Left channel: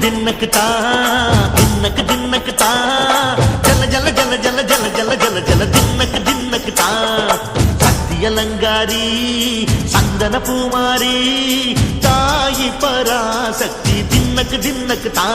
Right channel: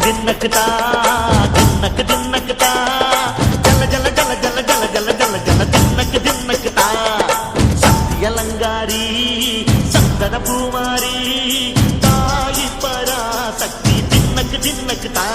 தின்னக்கு தா தின்னக்கு தின்னக்கு தா ஜல ஜல ஜல ஜல ஜல ஜல ஜல ஜல தின்னக்கு தின்னக்கு தா சக்தியலங்காரி சந்தன பூமாரி தாயி பராசக்தி தின்னக்கு தின்னக்கு தா